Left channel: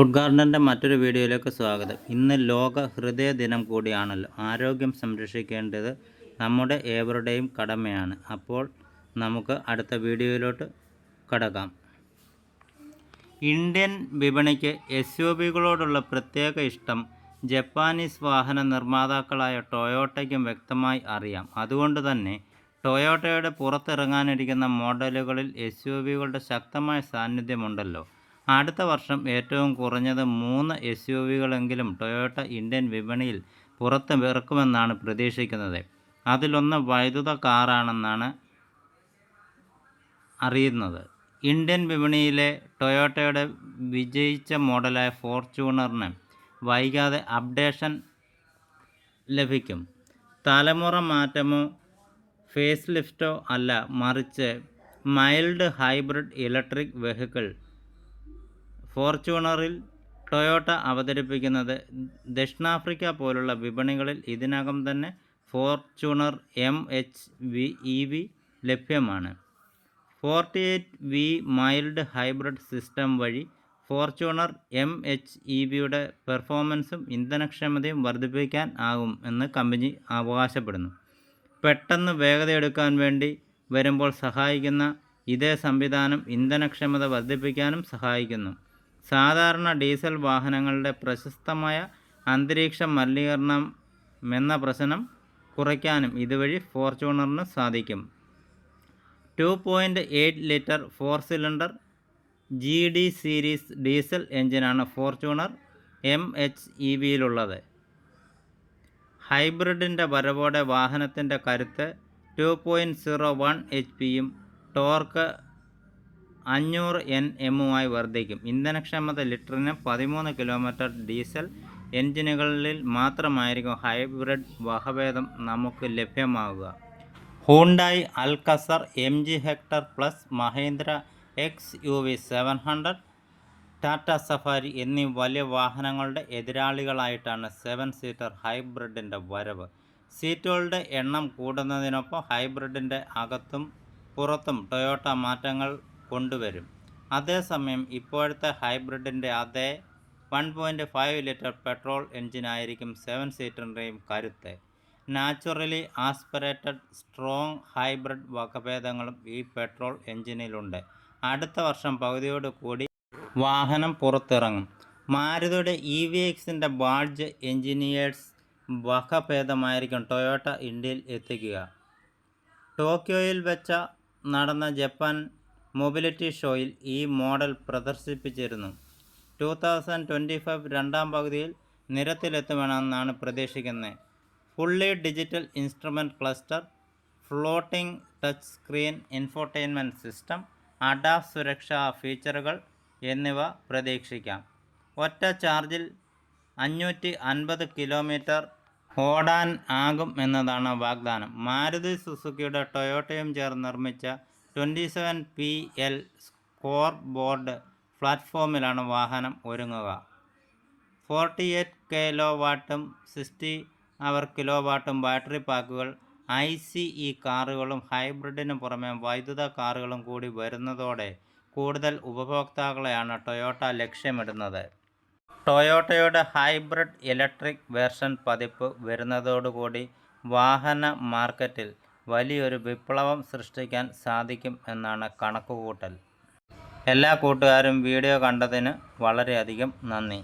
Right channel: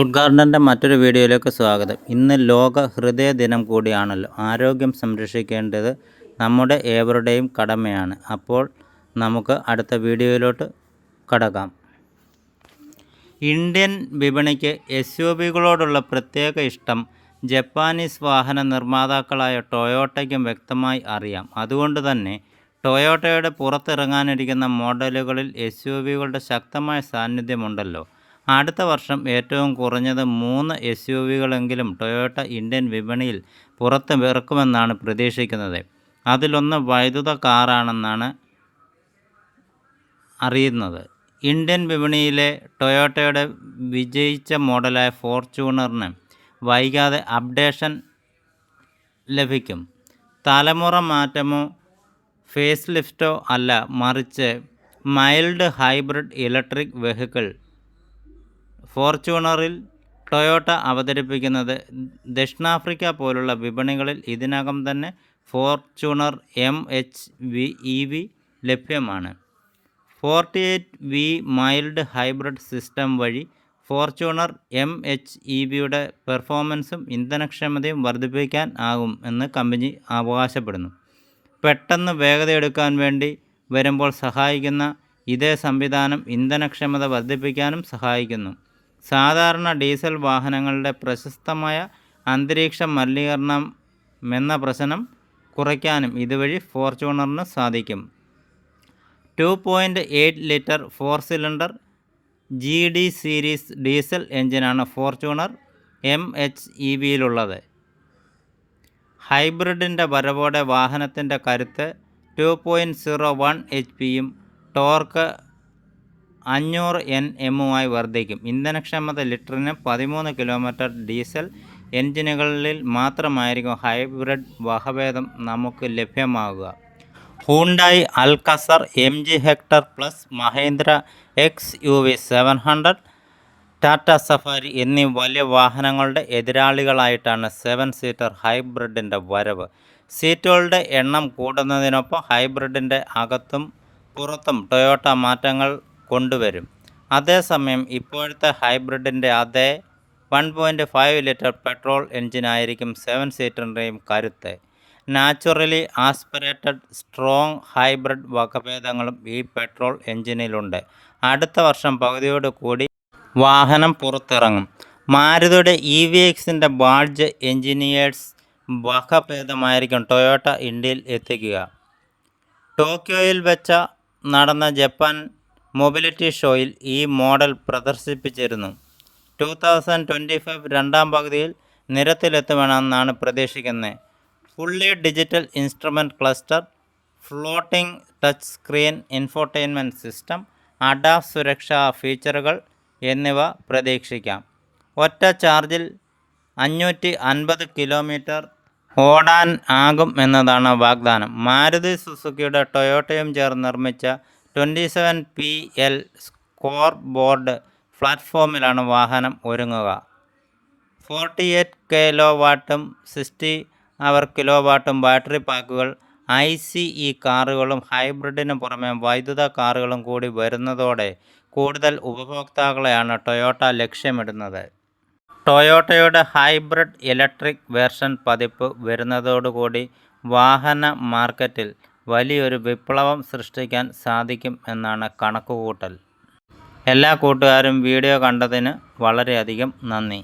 Food ഗാർഡന്റെ മറ്റൊരു വീഡിയോയിലേക്ക് സ്വാഗതം. ഇന്ന് ലോക ഹൃദയ ദിനം കൂടിയാണല്ലോ. ആരോഗ്യം സംരക്ഷിക്കേണ്ടത് നമ്മുടെ ഏവരുടെയും കടമയാണ്. അപ്പോൾ നമുക്ക് അടുത്ത വീഡിയോയിലോട്ട് കടക്കാം. ഇന്ത്യൻ വിപണിക്ക് എസ് യു ബികളോടുള്ള പ്രത്യേക ഇഷ്ടം ജപ്പാനീസ് വാഹന നിർമ്മാതാക്കളായ ടൊയോട്ടയ്ക്കും വ്യക്തമായി അറിയാം. അതുകൊണ്ട് തന്നെ ടൊയോട്ടയുടെ പുറത്തിറങ്ങാനിരിക്കുന്ന മോഡലുകളിൽ എസ് യു വികളുടെ ശക്തമായ സാന്നിധ്യമുണ്ടല്ലോ. അടുത്ത വർഷം ഏറ്റവും കുറഞ്ഞത് മൂന്ന് എസ് യു വികളെങ്കിലും ടൊയോട്ട ഇന്ത്യൻ വിപണിയിൽ പുറത്ത് ഇറക്കുമെന്നാണ് പ്രതീക്ഷിക്കുന്നത്. അതിലൊന്ന് വൈദ്യുത കാറാണെന്നാണ് അറിയുന്നത്. ഇന്ത്യൻ വിപണിയിലെ ടൊയോട്ടയുടെ വിജയിച്ച മോഡലായ ഫോർച്യൂണറിന് വൈകാതെ അപ്ഡേഷൻ ലഭിക്കും. തലമുറ മാറ്റമോ ഫേസ് ലിഫ്റ്റോ അല്ല മറിച്ച് മൈൽഡ് ഹൈബ്രിഡ് ഇലക്ട്രിക് വെഹിക്കിൾ ഫോർച്യൂണറിൽ ടൊയോട്ട അവതരിപ്പിക്കുന്നത് ദക്ഷിണാഫ്രിക്ക പോലുള്ള വിപണികളിൽ ഇതിനകം തന്നെ Fortuner M H V E V ലഭ്യമാണ്. Forty eight V mild hybrid system വഴി ഫോർച്യൂണർ എം എച്ച് ഇ വിയുടെ പെർഫോമൻസും ഇന്ധനക്ഷമതയും വർദ്ധിപ്പിക്കാൻ ആകും എന്ന് കമ്പനി അവകാശപ്പെടുന്നു. പെട്ടെന്ന് വേഗതയെടുക്കാൻ വേണ്ടി വരുമ്പോൾ സഹായിക്കുന്ന ഇതേ സംവിധാനം ഇന്ധനക്ഷമത വർദ്ധിപ്പിക്കാനും സഹായിക്കുന്നു. സാധാരണ ഡീസൽ വാഹനങ്ങളുടെ പ്രശസ്തമായ അന്തരീക്ഷ മലിനീകരണം എന്ന പ്രശ്നം കുറയ്ക്കാനും ഇതുവഴി ഫോർച്യൂണറിന് സാധിക്കും. Two point eight litre four cylinder G D series diesel എഞ്ചിനാണ് ഫോർച്യൂണർ എം എച്ച് ഇ വിയിലുള്ളത്. ഹൈബ്രിഡിന്റെ വരവോടെ വാഹനത്തിന്റെ കരുത്ത് two point zero one H പിയും ടോർക്ക് അഞ്ഞൂറ് എൻ എമ്മുമായി വർദ്ധിക്കും. ഇന്ധനക്ഷമത ലിറ്ററിന് പതിമൂന്ന് കിലോമീറ്റർ ഡീസൽ എൻജിനുകളിൽ മാത്രമായിരിക്കും ഹൈബ്രിഡ് വകഭേദം നമുക്ക് ലഭ്യമാകുക. Hyundai Alcazar M G Hector plus Mahindra X U V seven hundred Tata Safari എന്നീ വലിയ വാഹനങ്ങളുടെ എതിരാളികളായിട്ടാണ് സെവൻ സീറ്റർ ഹൈബ്രിഡിന്റെ വരവ്. സീറ്റുകളുടെ എണ്ണം കൂടുന്നതിനൊപ്പം ഹൈബ്രിഡിന്റെ അകത്തും പുറത്തും ടൊയോട്ട മാറ്റങ്ങൾ കൊണ്ടുവരും. അതേസമയം ഇപ്പോഴത്തെ ഹൈബ്രിഡിന്റെ അതേ one point five litre petrol എൻജിനായിരിക്കും seven സീറ്ററിന്റെയും കരുത്ത്. നാച്ചുറലി ആസ്പിറേറ്റഡ് സ്ട്രോങ് ഹൈബ്രിഡ് വകഭേദങ്ങളും ഈ പെട്രോൾ എൻജിനിലുണ്ട് അടുത്ത വർഷം പകുതിയോട് കൂടി വാഹനം പുറത്തിറങ്ങും. മാരുതിയുടെ ഇ വി എക്സിന്റെ ബാഡ്ജ് എഞ്ചിനീയേഴ്സ് വകഭേദമായിരിക്കും ടൊയോട്ട ഇന്ത്യയിൽ എത്തിക്കുക. ടോക്കിയോയിൽ വെച്ച നടന്ന ജപ്പാൻ മൊബിലിറ്റി ഷോയിൽ ഈ മോഡൽ പ്രദർശിപ്പിച്ചിരുന്നു. ടു തൗസൻഡ് ട്വന്റി ഫൈവ് രണ്ടാം പകുതിയിൽ നിരത്തിലെത്തുമെന്നാണ് പ്രതീക്ഷിക്കുന്നത്. Fully digital instrument cluster floating touch screen infotainment system ADAS സുരക്ഷാ ഫീച്ചറുകൾ എന്നിവ പ്രതീക്ഷിക്കാം. ഒറ്റ ചാർജിൽ അഞ്ഞൂറ്റി അൻപത് കിലോമീറ്റർ ഓടാൻ ആകും എന്നതാണ് വാഗ്ദാനം. മാരുതി സുസുക്കിയുടെ ടൊയോട്ടയും ചേർന്ന് നിർമ്മിച്ച twenty seven P L score board പ്ലാറ്റ്ഫോമിലാണ് വാഹനം ഒരുങ്ങുക. ഫോർട്ടി എയ്റ്റ് കിലോ വാട്ടും സിക്സ്റ്റി അവർ കിലോ വാട്ടും ബാറ്ററി പാക്കുകൾ ഐ സി ഇ കാറുകളും ഹൈബ്രിഡിന് പുറമെ വൈദ്യുത കാറുകളും കൂടി വരുന്നതോടെ കൂടുതൽ ഉപഭോക്താക്കളെയാണ് ടൊയോട്ട ലക്ഷ്യമിടുന്നത്. ടൊയോട്ടയുടെ ഹൈബ്രിഡ് ഇലക്ട്രിക് വേർഷൻ പതിപ്പ് വരുന്നതോടുകൂടി വാഹന മാർക്കറ്റിൽ വലിയൊരു വിപ്ലവം സൃഷ്ടിക്കാൻ സാധിക്കും എന്നാണ് കണക്കുകൂട്ടൽ. എല്ലാ കൂട്ടുകാരും വീഡിയോ കണ്ടതിന് വളരെയധികം നന്ദി.